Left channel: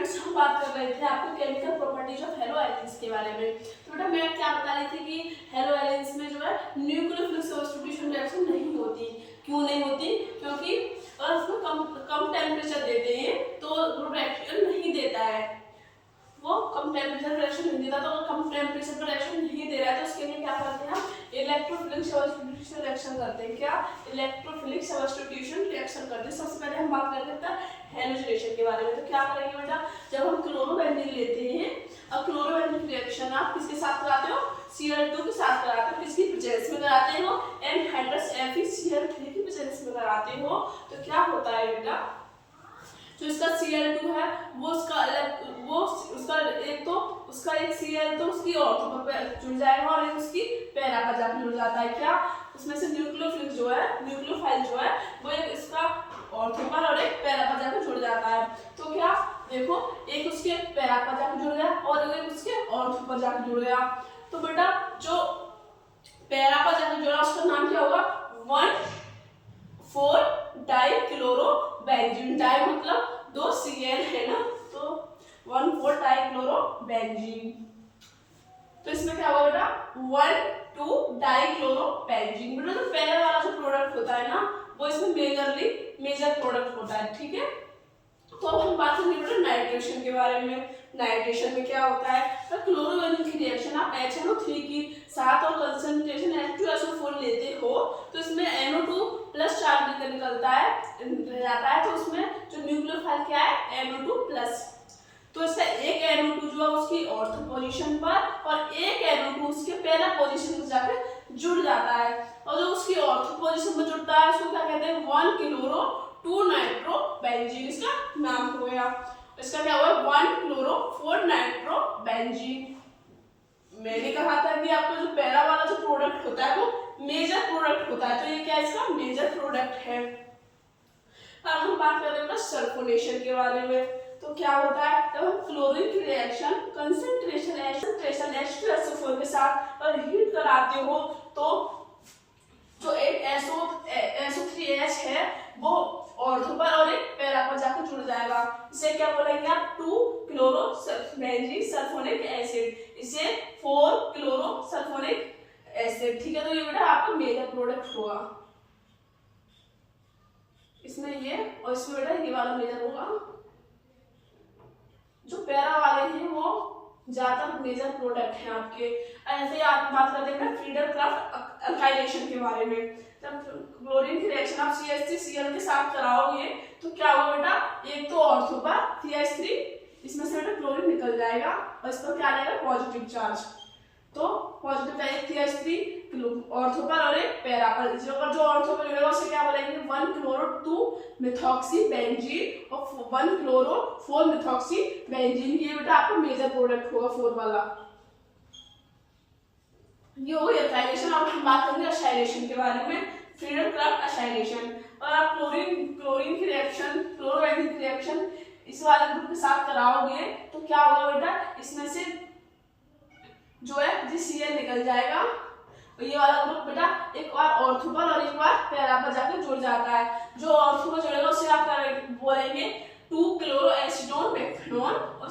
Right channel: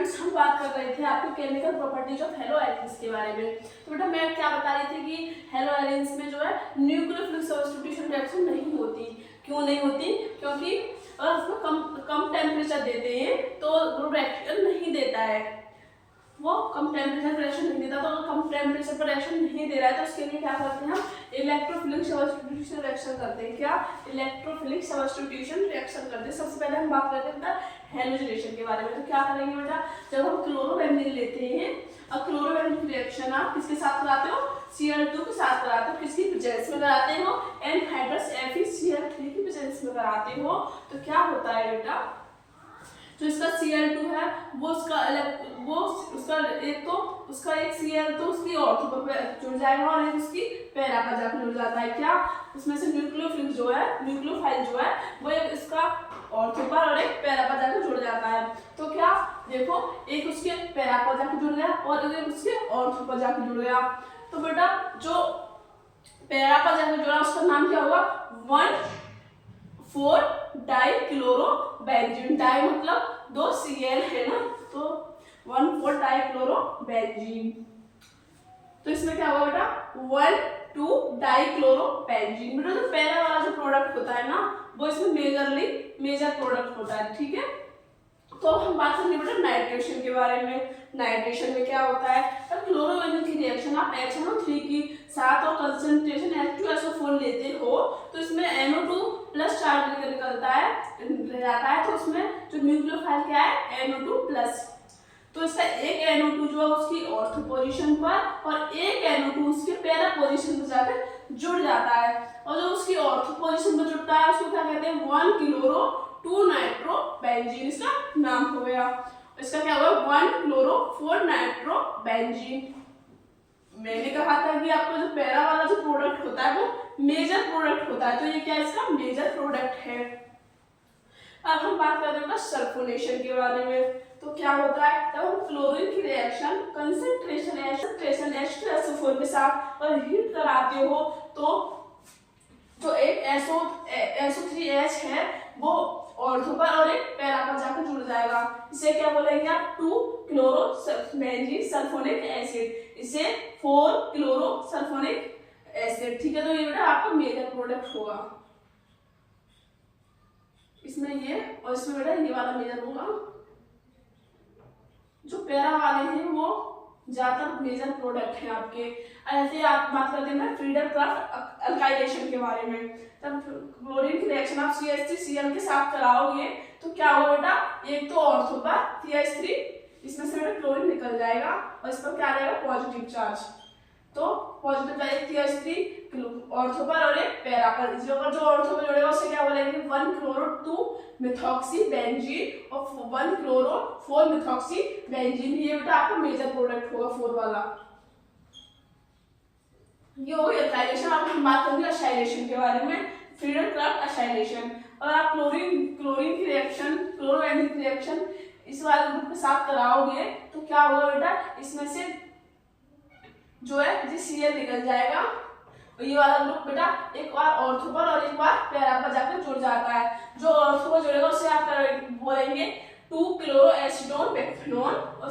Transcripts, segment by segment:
Students, हम बात कर रहे थे आपको chemical properties of hello elements के बारे में। तो बेटा मैं क्या बता रही थी कि हेलो एलिमेंट्स में जो है न्यूक्लियोफिलिक सब्स्टिट्यूशन रिएक्शन नहीं होती। क्यों नहीं होती? क्योंकि अगर उसमें कम टेम्परेचर देते हैं तो वो रिएक्शन नहीं देता है, वो कम टेम्परेचर रिएक्शन नहीं देता। तो अगर कम टेम्परेचर पर रिएक्शन नहीं दे रहा है तो उसके लिए क्या करते हैं हम? इलेक्ट्रोफिलिक सब्स्टिट्यूशन रिएक्शन करते हैं। क्या? इलेक्ट्रोफिलिक सब्स्टिट्यूशन रिएक्शन करते हैं। सबसे पहले हम बात करते हैं हैलोजिनेशन के बारे में। तो क्या करेंगे बेटा, जब हम क्लोरोबेंजीन लेते हैं, अब क्लोरोबेंजीन रिएक्शन आप किसके साथ कराते हो? Cl2 के साथ कराते हो। किसकी प्रेजेंस में कराते हो? एनहाइड्रस FeCl3 की प्रेजेंस में कराते हो। तो क्या होता है बेटा, जो इसका Cl2 है वो उसका एक तो उसका एक Cl तो उसकी ऑर्थो पर जुड़ जाएगा और एक उसकी पैरा पर जाकर जुड़ जाता है। क्या? उसमें से न्यूक्लियोफिलिक जो है, न्यूक्लियोफाइल जो है वो एक इसका ऑर्थो पर और एक पैरा पर जाकर जुड़ जाता है। तो क्या देखो, एक उसके पैरा पर जाकर जुड़ गया और एक उसके ऑर्थो पर जाकर जुड़ गया। तो बेटा जो पैरा पर जाकर जुड़ा उसका नाम क्या होगा? 1,4-डाइक्लोरोबेंजीन। डाई मतलब 2 Cl है ना, तो 1,4-डाइक्लोरोबेंजीन। तो इसमें क्या होगा बेटा? 1,2-डाइक्लोरोबेंजीन। बेटा जो पहला वाला जो प्रोडक्ट होता है ना वो इसमें मेजर प्रोडक्ट होता है। ठीक है, तो हम बात करेंगे बेटा नाइट्रेशन के बारे में। नाइट्रेशन में क्या होता है? तो क्लोरोबेंजीन की रिएक्शन आप HNO3 की साथ और कंसंट्रेशन H2SO4 लेते हो तो इसमें NO2 प्लस चार्ज निकलता है, रह जाता है। तो उसमें जो न्यूक्लियोफाइल क्या है? NO2 plus. तो इसका एक NO2 जो है उसकी ऑर्थो पोजीशन पर और एक NO2 उसके पैरा पोजीशन पर जाकर जुड़ जाता है। और जो उसकी ऑर्थो पोजीशन पर जुड़ता है उसको क्या कहते हैं? 1-क्लोरो-2-नाइट्रोबेंजीन इसका नाम हो गया। इसका क्या हुआ? 1-क्लोरो-4-नाइट्रोबेंजीन। मैंने कहा था कि आपको जो पैरा वाला जो प्रोडक्ट होता है वो मेजर प्रोडक्ट होता है, तो ये क्या इसका मेजर प्रोडक्ट है। अब हम बात कर रहे हैं सल्फोनेशन के बारे में। तो क्या होता है? जब हम क्लोरीन की रिएक्शन कंसंट्रेशन H2SO4 के साथ और हीट कराते हो तो जो एक SO3H है वो ऑर्थो पर और एक पैरा पर जाकर जुड़ जाएगा। इसे क्या बोलेंगे आप? 2-क्लोरोबेंजीन सल्फोनिक एसिड। इसे 4-क्लोरोसल्फोनिक एसिड। ठीक है, तो ये बेटा आपका मेजर प्रोडक्ट होगा। इसमें ये और इसमें बेटा ये वाला मेजर होगा। जो पैरा वाले हैं वो ज्यादातर मेजर प्रोडक्ट हैं आपके। ऐसे आप बात करते हैं फ्रीडर-क्राफ्ट अल्काइलेशन के बारे में। तब क्लोरीन की रिएक्शन आप CH3Cl के साथ कराओगे तो क्या होगा बेटा? एक तो ऑर्थो पर CH3, इसमें से बेटा क्लोरीन निकल जाएगा और इस पर क्या आ जाएगा? Positive charge. तो पॉजिटिव चार्ज CH3 ऑर्थो पर और एक पैरा पर। जो ऑर्थो पर जुड़ेगा उसे क्या बोलेंगे? 1-क्लोरो-2-मिथॉक्सीबेंजीन और 1-क्लोरो-4-मिथॉक्सीबेंजीन। ये बेटा आपका मेजर प्रोडक्ट होगा 4 वाला। ये हो गया असाइलेशन। अब हम बात करेंगे असाइलेशन के बारे में। फ्रीडर-क्राफ्ट असाइलेशन। और आप क्लोरीन की रिएक्शन, क्लोरोबेंजीन की रिएक्शन इस वाले ग्रुप के साथ कराओगे तो क्या होगा बेटा? इसमें से जो है Cl निकल जाएगा और ये वाला ग्रुप बेटा एक बार ऑर्थो पर और एक बार पैरा पर जाकर जुड़ जाता है। जो ऑर्थो पर जुड़ेगा उसे आप बोलेंगे 2-क्लोरोएसीटोन-मेथनॉन और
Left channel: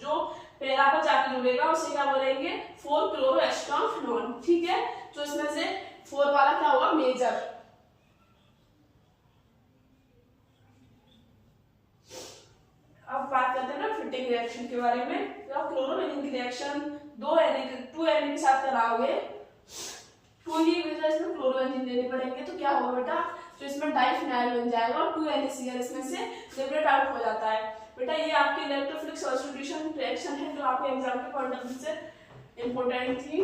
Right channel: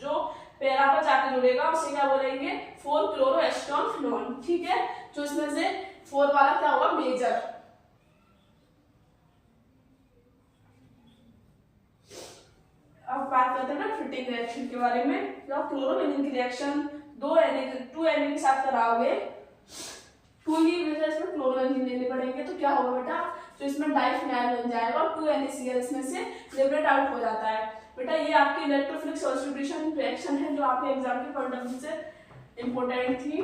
जो पैरा पर जाकर जुड़ेगा उसे क्या बोलेंगे? 4-क्लोरोएसीटोन-फिनॉल। ठीक है, तो इसमें से 4 वाला क्या होगा? मेजर। अब बात करते हैं ना फिटिंग रिएक्शन के बारे में। जब क्लोरोबेंजीन की रिएक्शन 2 Na के साथ कराओगे, 2 की वजह इसमें क्लोरोबेंजीन देने पड़ेंगे तो क्या होगा बेटा? जो इसमें डाइफिनाइल बन जाएगा और 2 NaCl इसमें से लिबरेट आउट हो जाता है। बेटा ये आपकी इलेक्ट्रोफिलिक सब्स्टिट्यूशन रिएक्शन है जो आपके एग्जाम के पॉइंट ऑफ व्यू से इंपॉर्टेंट थी।